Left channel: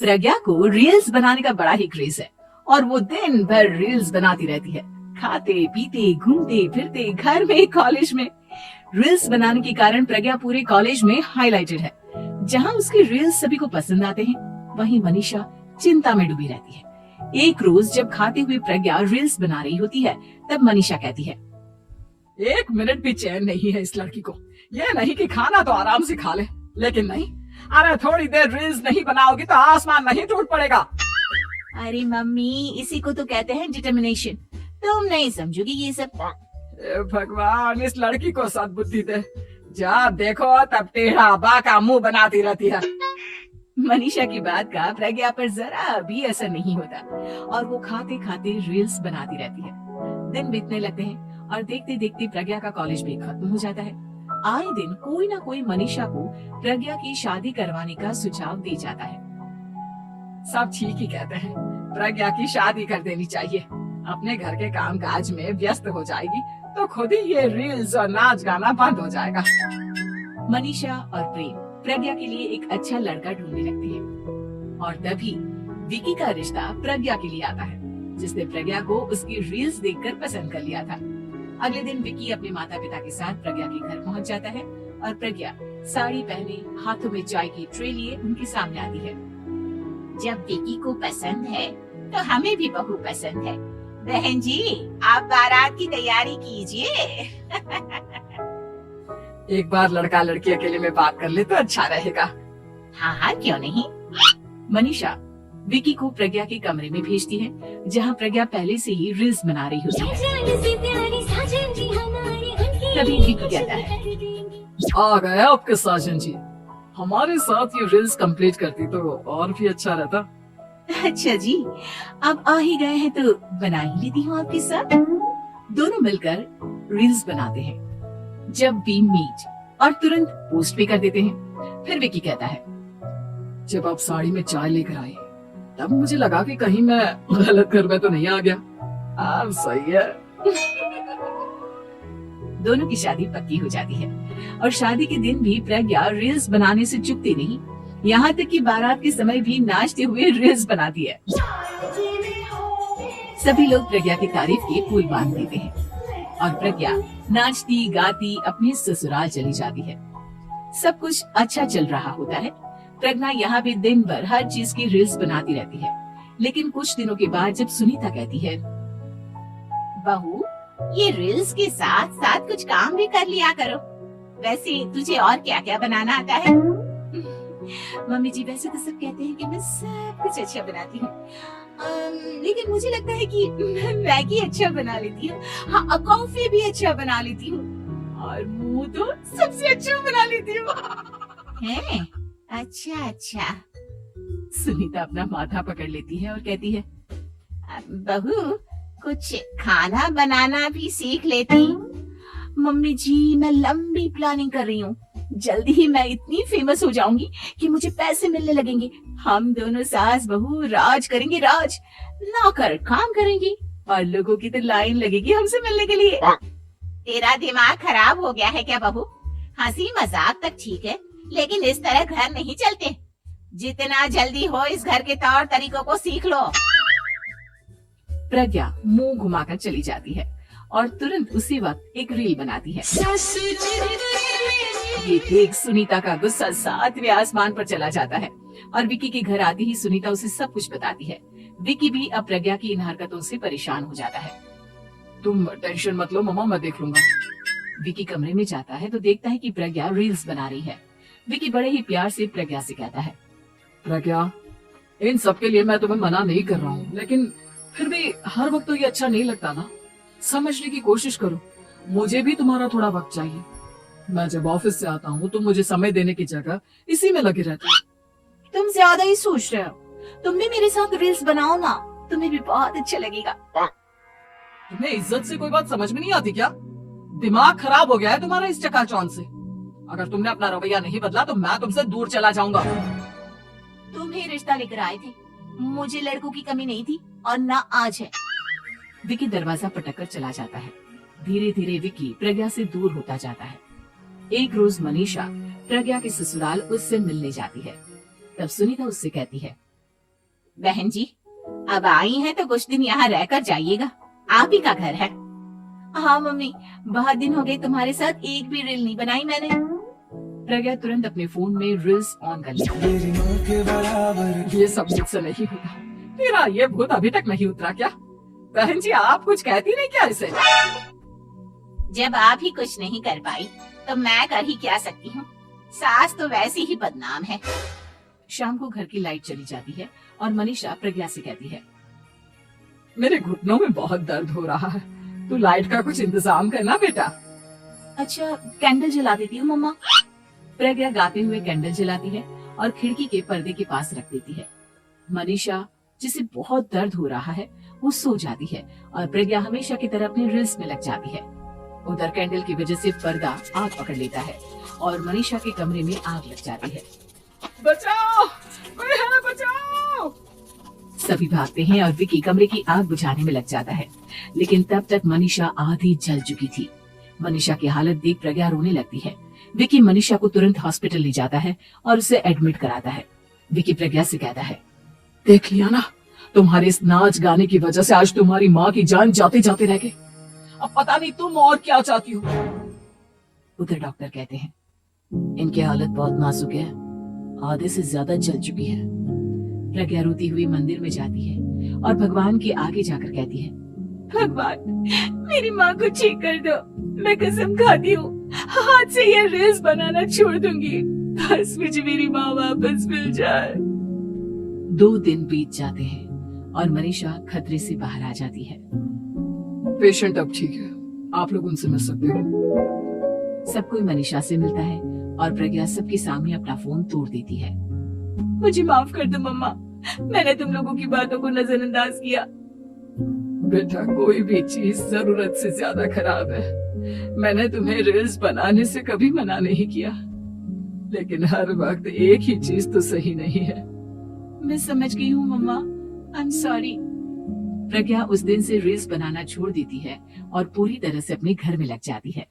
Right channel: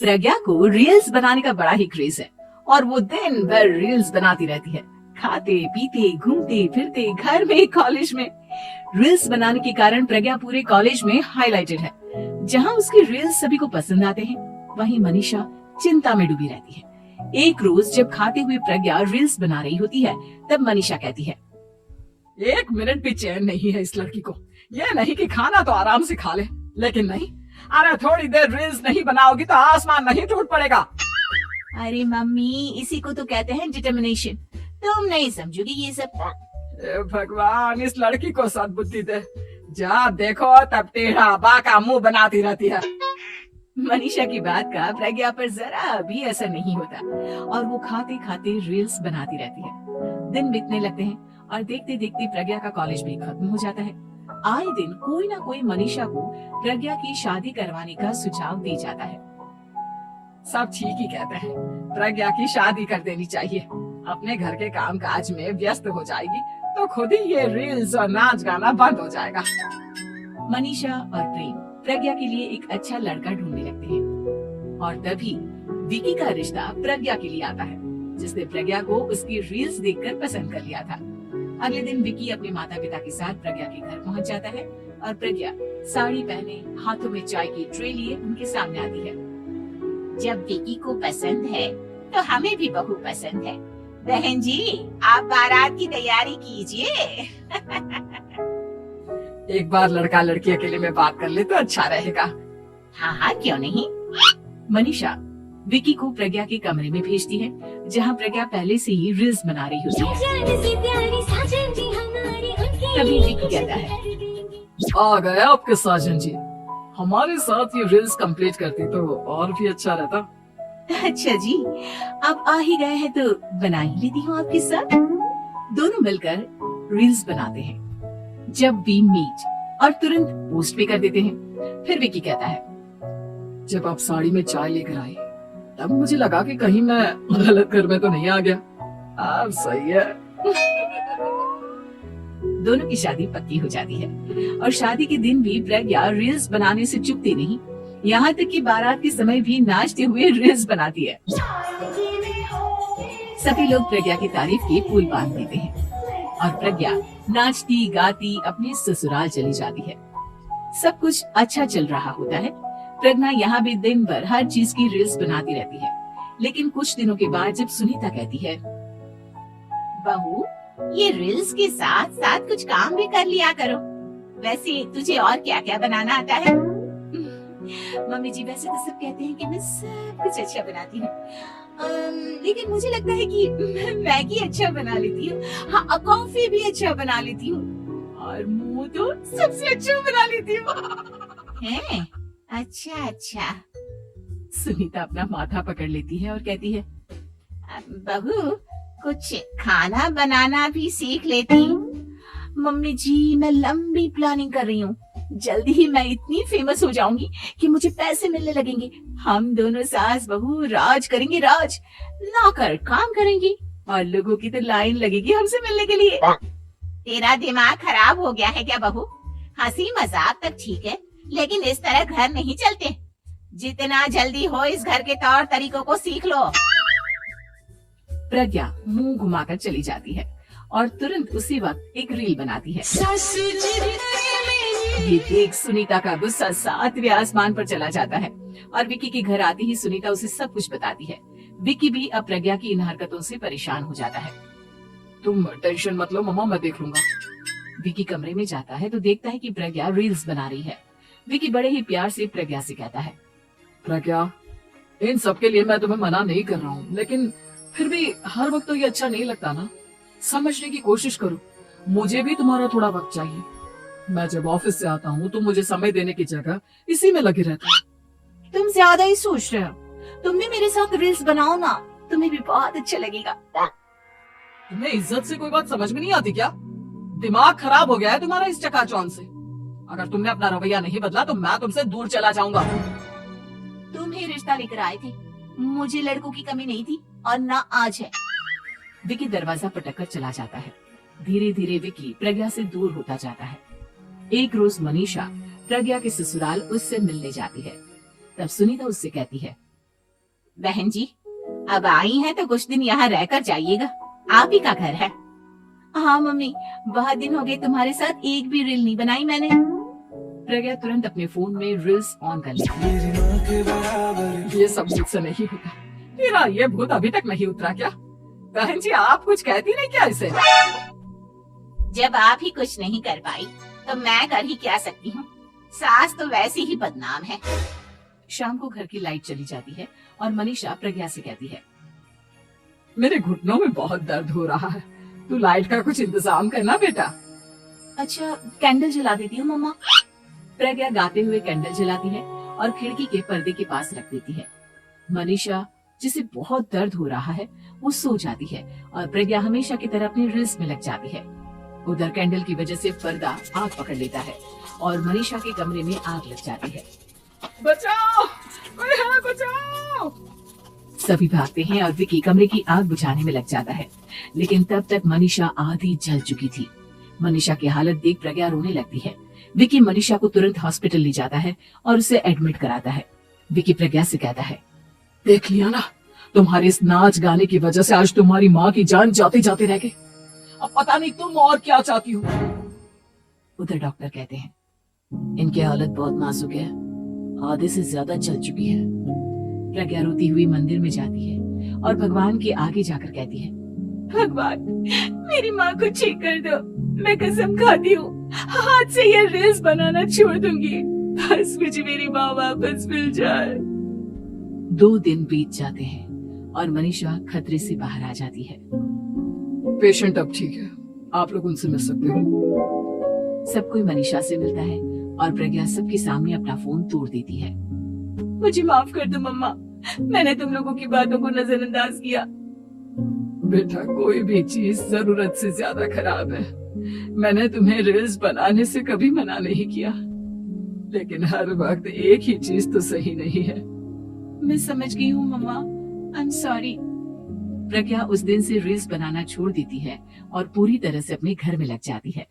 प्रज्ञा को रील्स बनाने का बड़ा ही क्रेज है और वो दिन भर रील्स बनाती रहती है। खाते पीते घूमते फिरते घर में कॉलेज में रील्स बनाने के कारण प्रज्ञा पूरे कॉलेज में हाईलाइटेड है। जहाँ उसकी रील्स सभी को पसंद आते हैं, वहीं मनीषा चिंता में डूबी रहती है। एक रोज जब खाते हुए प्रज्ञा रील्स बना रही होती है, तब मनीषा कहती है, एक मिनट भी चैन नहीं है इस लड़की को। ये नहीं कि खाना तो आराम से खा ले, लेकिन नहीं, अरे थोड़ी देर रील्स नहीं बनाओगी तो आसमान नहीं टूट पड़ेगा। अरे मम्मी, इसी को तो कहते हैं डिटर्मिनेशन। तुम नहीं समझोगी ये सब। भगवान, इस लड़की को सद्बुद्धि दे। जब देखो तब टेढ़ा बाका मुंह बनाती रहती है। मनीषा की बात का प्रज्ञा पर जरा भी असर नहीं होता और वो खाते खाते रील्स बनाती रहती है। दिन बीतने लगते हैं और देखते देखते प्रज्ञा का कॉलेज भी खत्म हो जाता है। आए दिन कोई ना कोई मनीषा को प्रज्ञा की शादी करवाने का सुझाव दे जाता है। सब ठीक ही कहते हैं, प्रज्ञा की शादी कर देनी चाहिए। अपने घर के काम काज में व्यस्त हो जाएगी तो खुद ही ये रील्स और नाच गाना बंद हो जाएगा। मनीषा और प्रेम प्रज्ञा के लिए एक अच्छा लड़का ढूंढने लगते हैं और तभी विकी का रिश्ता प्रज्ञा के लिए आता है, जिसने प्रज्ञा को उसकी रील्स देखकर पसंद कर लिया था। अगले दिन विकी अपने माता पिता के साथ प्रज्ञा के घर पहुंच जाता है और प्रज्ञा साड़ी पहने हाथों में चाय की ट्रे लिए उनके सामने आती है। जब विकी को पसंद है तो हमें भी बहू पसंद है। बहन जी, आप बारात की तैयारी कीजिए। एक बार लड़का लड़की अकेले में बात कर ले तो अच्छा रहेगा। हाँ हाँ, क्यों नहीं। मनीषा विकी को प्रज्ञा के कमरे में भेजती है, जहाँ प्रज्ञा पहले से ही रील्स बना रही होती है। तभी विकी कहता है, आ गए आपके साजन जी। हमारे साथ ये रील्स कंप्लीट करती तो और भी अच्छा रहता। अच्छा जी, अब आ ही गए हैं तो बना ही लेती हूँ आपके साथ। दोनों मिलकर रील्स बनाते हैं। जब वी मीट और तुरंत पोस्ट भी कर देते हैं। फिर विकी कहता है, जब आप साड़ी में चाय लेकर आई तब मुझे लगा कि कहीं मैं गलत घर में तो नहीं आ गया। आप सही है। दोनों की शादी पक्की हो जाती है और शादी के दिन भी प्रज्ञा रील्स बनाने से चूकती नहीं। यहाँ तक कि बारात के समय भी नाचते हुए रील्स बनाती है। सभी लोग प्रज्ञा की तारीफ के पुल बांध देते हैं और प्रज्ञा नाचती गाती अपने ससुराल चली जाती है। सब कुछ अच्छा चल रहा होता है। प्रज्ञा यहाँ भी दिन भर हर चीज की रील्स बनाती रहती है। लेकिन कुछ दिनों के बाद जब सुनीता कहती है, बहू, ये रील्स के साथ साथ कुछ काम भी कर लिया करो। वैसे तुझे और क्या क्या बनाना आता है? मम्मी जी, वैसे तो सब कहते हैं कि मैं सब कुछ अच्छा बनाती हूँ, लेकिन मुझे लगता है कि मैं मैगी अच्छा बना लेती हूँ। हाँ, कॉफी भी अच्छा बना लेती हूँ और मुंह तो सबसे अच्छा बना लेती हूँ। है? अच्छा अच्छा। सुनीता अपना माथा पकड़ लेती है और कहती है, बहू, कुछ खाना बनाना भी सीख लेती हूँ। मम्मी जी, मैं लंबी प्लानिंग कर रही हूँ। जल्दी ही मैं इतनी फेमस हो जाऊंगी कि मुझे पैसे मिलने लगेंगे। हम दोनों सास बहू राज करेंगे, राज नौकर काम करेंगे और लोगों की तो लाइन लगेगी हमसे मिलने के लिए। तेरा दिमाग खराब हो गया है क्या बहू? हंसी मजाक तक ठीक है, लेकिन इस तरह घर नहीं चलते। जितना जल्दी हो इस घर के तौर तरीकों को सीख लो। प्रज्ञा मुंह घुमाकर चली जाती है और तुरंत उसी वक्त एक रील बनाती है। ये देख सुनीता का गुस्सा 7वें आसमान पर चला जाता है और विकी के घर आती ही सुनीता उसे सब कुछ बताती है। विकी भी अब प्रज्ञा की इन हरकतों से परेशान हो जाता है। तुम टेंशन मत लो मम्मा, मैं देख लूंगा। विकी कमरे में जाता है तो देखता है कि प्रज्ञा रील्स बना रही है। विकी बड़े ही प्यार से प्रज्ञा से कहता है, प्रज्ञा, इन सब के लिए मैं तुम्हें मना नहीं कर रहा हूँ, लेकिन फिर भी हर वक्त तो ये अच्छा नहीं लगता ना। समझने की कोशिश करो, मुझे भी तुम्हारा थोड़ा वक्त चाहिए। मैं जब ऑफिस से आता हूँ तुम मुझे समय देने की जगह इसी में लगी रहती हो। तुम ज्यादा ही सोच रहे हो। तुम भी मेरे साथ रील्स बनाओ ना, तुम्हें भी बहुत अच्छा लगेगा। तुम्हें इज्जत से कोई बात समझ में नहीं आती क्या? दिमाग खराब हो गया है तुम्हारा इस चकाचौंध से। अगर तुमने अपना रवैया नहीं बदला तो मैं तुमसे दूर चला जाऊंगा। तुम ही रिश्ता लेकर आए थे, मुझे लड़कों की कमी नहीं थी और ना आज है। विकी दरवाजा पटक कर चला जाता है। धीरे धीरे विकी प्रज्ञा से दूर होता जाता है। एक रोज मनीषा प्रज्ञा के ससुराल उससे मिलने जाती है। तब सुनीता उससे कहती है, बहन जी, अब आई हैं तो कुछ दिन यहाँ रहकर जाइएगा, आप ही का घर है। हाँ मम्मी, बहुत दिन हो गए तुम्हारे साथ एक भी रील नहीं बनाई मैंने। प्रज्ञा तुरंत अपने फोन में रील्स ऑन कर लेती। ये सब मुझसे नहीं होगा। तेरा ये भूत अभी तक नहीं उतरा क्या? बहन जी, आप कुछ कहती नहीं क्या इसे? जब आप ही कुछ नहीं कर पाई तो मैं कर ही क्या सकती हूँ। सास तो वैसी ही बदनाम है। शाम को घर की लाइट चली जाती है और मनीषा प्रज्ञा से कहती है, मेरे घुटनों में बहुत दर्द हो रहा है, तू लाइट का कुछ इंतजाम करना बेटा। अच्छा कैंडल जला देती हूँ मम्मा। प्रज्ञा गाते हुए कैंडल जलाती है और खिड़की के पर्दे के पास रख देती है। मनीषा, जिसे बहुत दर्द हो रहा है, वो सो जाती है और प्रज्ञा हमेशा की तरह अपनी रील्स में लग जाती है। उधर कैंडल की वजह से पर्दा आग पकड़ लेता है और मनीषा के कमरे में आग लग जाती है। बचाओ, कोई है, बचाओ। सभी भागते हैं और विकी कमरे की आग बुझाने में लग जाता है, लेकिन तब तक मनीषा आधी जल चुकी थी। मनीषा की हालत देख प्रज्ञा रोने लगती है। विकी मनीषा को तुरंत हॉस्पिटल ले जाता है और उसे एडमिट कराता है। विकी प्रज्ञा से कहता है, देख लिया ना, तुम्हारे इस नाच गाने की वजह से आज तुम्हारी माँ की जान जाते जाते रह गई। अब पता नहीं तुम और क्या चाहती हो। उधर डॉक्टर कहते हैं, इनकी हालत बहुत नाजुक है, आधे से ज्यादा जल चुकी है। प्रज्ञा रोती हुई मंदिर में जाती है और भगवान के आगे जाकर कहती है, भगवान मेरी माँ को ठीक कर दो, मैं कसम खाती हूँ आज से ये रील्स बनाना छोड़ दूंगी, बस मुझे मेरी माँ वापस मिल जाए। 2 दिन बीत जाते हैं और मनीषा खतरे से बाहर आ जाती है। पेशेंट अब ठीक है, आप लोग उनसे मिल सकते हो। सब कोई मनीषा से मिलता है और प्रज्ञा सबके सामने अपना फोन तोड़ देती है। मुझे माफ कर दो मम्मा, मैंने तुम लोगों की बातों को नजरअंदाज किया। बेटा, कोई भी चीज जरूरत से ज्यादा खराब है। मैंने तुम्हें रील्स बनाने से कभी मना नहीं किया, लेकिन हर वक्त एक ही चीज तो सही नहीं है। मैं समझ गई हूँ मम्मा, आई एम सॉरी। प्रज्ञा उस दिन से रील्स बनाना छोड़ देती है और पूरी तरह से अपने घर में लग जाती है।